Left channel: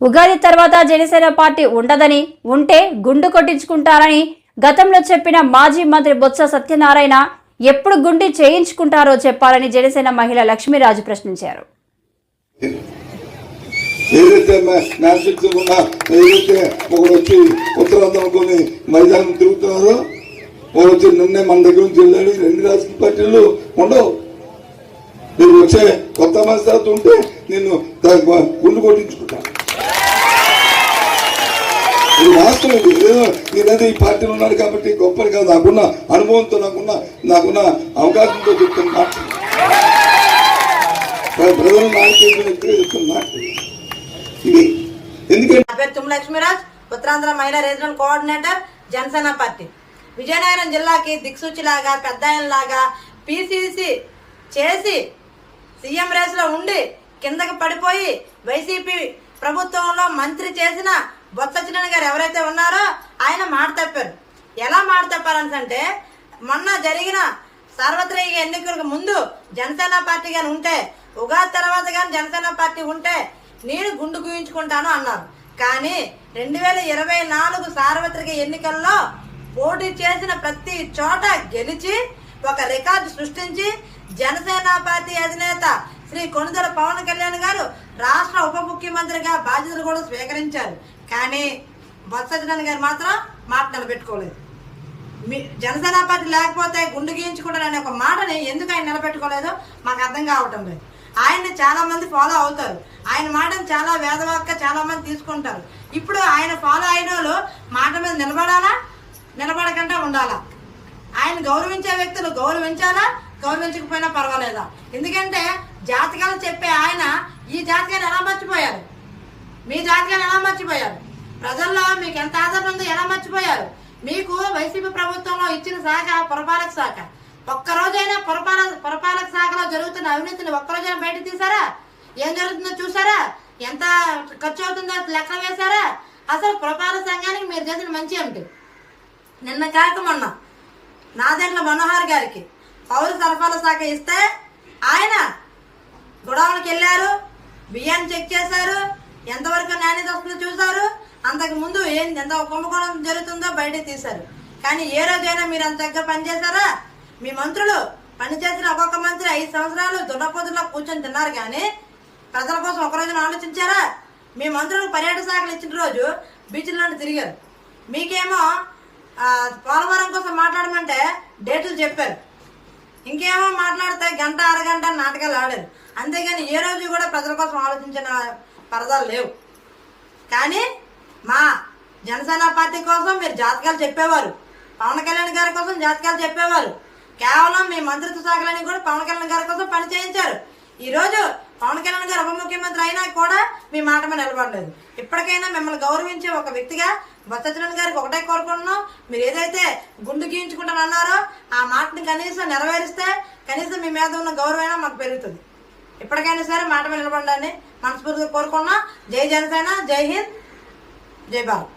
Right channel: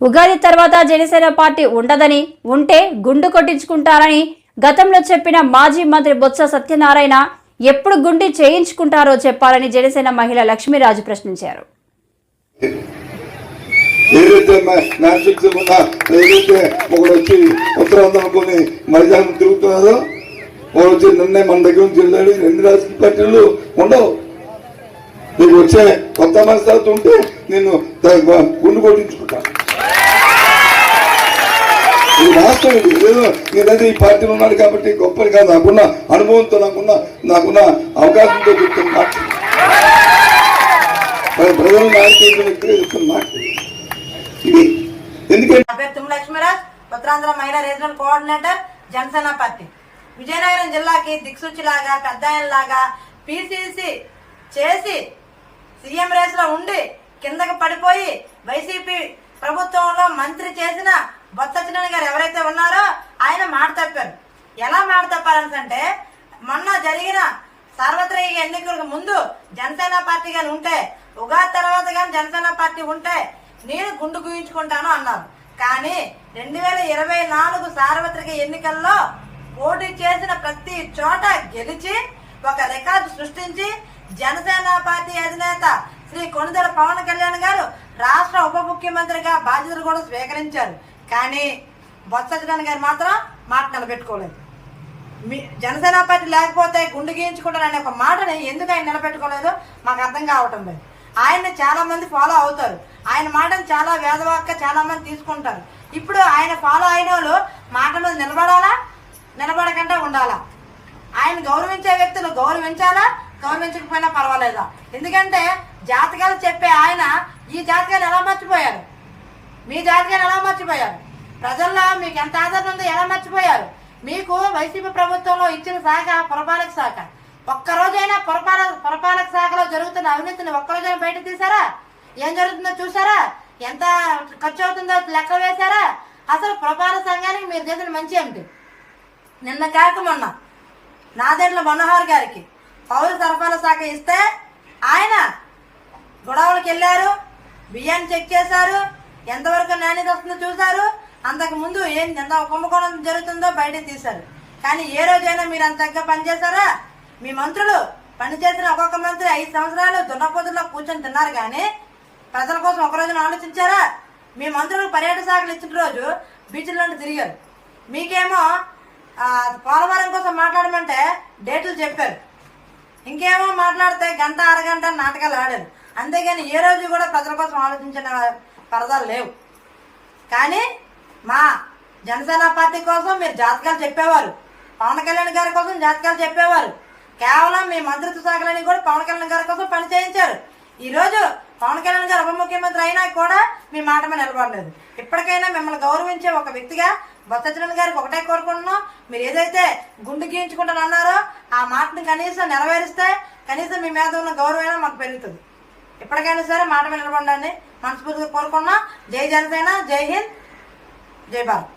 ఉగాది తర్వాత జనసేన పార్టీ ఉండదని ఉంటే గుండు కొట్టించుకుంటారని గతంలో చెప్పిన మాజీ మంత్రి బొత్స సత్యనారాయణ ఎప్పుడు గుండి చేయించుకుంటారో చెప్పాలని జనసేన మహిళ లక్ష్మీరాజు ప్రశ్నించారు. ఏదైతే మ్యాజిక్స్ ఏదైతే ఒకడు వచ్చి ఉత్తరాంధ్ర అనుకుని మైదానం తిరుగుతున్నారో వాడు వచ్చి నిన్నే మన దగ్గర నుంచి వెళ్ళాడు రెండు రాజకీయ పార్టీలు ఉండవు. నీకు వచ్చే కొత్త మనస్తత్వం ఉంటే నేను గుండు కొట్టించుకుంటా. ఈ రాష్ట్రం ఇది ఏదో నేనైతే ఈ పార్టీలో ఉన్నాడు కాబట్టి గొప్పది కాదు. నాకున్న అనుభవంతో నాకున్న నాకున్న అవకాశంతో చెప్తున్న మాట. ప్రజలు నాయకులు చెప్తున్న మాట. ఇది ఎందుకంటే తుమ్మ లక్ష్మీరాజ్ ఉత్తరాంధ్ర మహిళా regional coordinator Janasena party. Vizianagaram జిల్లాకి దిక్సూచిలాగా పెద్ద లాగా పిసిసి చేసి సీఎం రేస్లో ఉండి కిందకి పడిపోయి వైసీపీ ప్రభుత్వంలో మంత్రి చేసిన బొత్స సత్యనారాయణ గారు ఎవరైతే ఉన్నారో ఆయన మాట తప్పారు. ఎలా మాట తప్పారంటే మొన్న జరిగిన సార్వత్రిక ఎన్నికలకు ముందు జనసేన పార్టీ కానీ ఉంటే ఉగాది తర్వాత కానీ జనసేన పార్టీ ఉంటే నేను గుండు గుయించుకుంటాను అన్నారు. కానీ రెండు వేల ఇరవై నాలుగు సార్వత్రిక ఎన్నికల్లో పోటీ చేసిన ప్రతి చోట గెలిచి ఒక రికార్డు సృష్టించి జనసేన పార్టీ అధినేత శ్రీ కొనుదల పవన్ కళ్యాణ్ గారు రాష్ట్ర ఉప ముఖ్యమంత్రిగా బాధ్యతలు కూడా స్వీకరించారు. కానీ బొత్స సత్యనారాయణ గారు మాత్రం మాట నిలబెట్టుకోలేదు. మీ జనసేన పార్టీ లేకపోతే గుండు గీయించుకుంటాననే ఒక మాటని ఎందుకు ఆయన నిలబెట్టుకోలేదో మాకు అర్థం కావటం లేదు. ఆయన చాలా మంది ఫాలో అవుతారు. ఆయన మాటను చాలా వేదవాక్క చాలా మంది తీసుకుంటారు. ఇప్పుడు ఆయన ఫాలో అయిన వాళ్ళు మాట మీద నిలబడాలా? నిలబడకుండా ఉండాలా? ఆయన గౌరవించే వ్యక్తులు గౌరవించాలా? గౌరవించకపోయినా పర్వాలేదా? ఎందుకంటే జాతకాలు చెప్పే ఆయన ఈ జాతకాన్ని ఎలా మర్చిపోయారు? మీ జాతకాన్ని ఎలా మర్చిపోయారు? ప్రజల్లో మీకు ఎంత ఆదరణ ఉందో ఎలా మర్చిపోయారు? మీకు వైసీపీ ప్రభుత్వంలో ఇచ్చిన శాఖ పురపాలక శాఖ. ఒక్కరోజైనా పురపాలక పురపాలక శాఖలో జరుగుతున్న అవినీతిని ఒక్కరోజైనా బయట తీసారా ఏం జరుగుతుందో చూసారా ఎంత ఖర్చు అవుతుందో లెక్క వేశారా? అసలు పురపాలక సంఘానికి మీరు చేసిన మంచి ఏమిటి? నిన్న కాక మొన్న నాదెండ్ల మనోహర్ గారికి పౌర సరఫరాల శాఖ ఇస్తే ఆయన గొడవలకు వెళ్ళారు బియ్యాన్ని చెక్ చేశారు ఎంతవరకు నాణ్యత వస్తుందో చూశారు అంతకుముందు ఏం ఎంత కుంభకోణం జరుగుతుందో బయట తీశారు. కానీ ఏ రోజైనా మీరు అంత తగ్గ పనిచేశారా మీ మంత్రులు పనిచేసిన ఒక్కొక్క మంత్రి ఐదు సంవత్సరాలు దున్నపోతుల్లో కూర్చొని తిన్నారు కానీ ప్రజల కోసం ఒక రోజున ఆలోచించారా? మీ మంత్రులు పర్యటన శాఖలు ఇచ్చిన రోజు బీచ్లో తిరిగారు. మీకేమో పోలవరం కోసం మాట్లాడమంటే డేట్లు చెప్పారు. ఇంకేమో మాట్లాడితే గంట అరగంట నాటకాలు ఆడారు. అంతేగాని ఏ రోజు కూడా ప్రజల కోసం ఆలోచించిన పరదాలు లేవు. కానీ మా జనసేన పార్టీ కోసం మీరు జాతకాలు చెప్పేవారు. పవన్ కళ్యాణ్ గారి కోసం జాతకాలు చెప్పేవారు. కేవలం మీ మంత్రిత్వ శాఖలని కూడా పవన్ కళ్యాణ్ గారి కోసం పని చేయించారు. ఈ రోజు పవన్ కళ్యాణ్ గారు ఉప ముఖ్యమంత్రి అయినా కూడా మీ మాట మీద నిలబడలేదు. ఇప్పటికైనా మిమ్మల్ని గౌరవించే ఒక వ్యక్తిగా బొత్స గారికి ఒకటే కోరుకుంటున్నాం. మీరు ఏదైతే గుండు గీయించుకుంటానన్నారో ఆ మాటని కనీసం నెరవేరిస్తే కనీసం మీ మీద ఉన్న గౌరవమైనా మాకు పెరుగుతుంది. ఇప్పటికైనా సరే మాట మీద నిలబడండి మనస్ఫూర్తిగా కోరుకున్నాం జై జనసేన జై హింద్. జై భారత్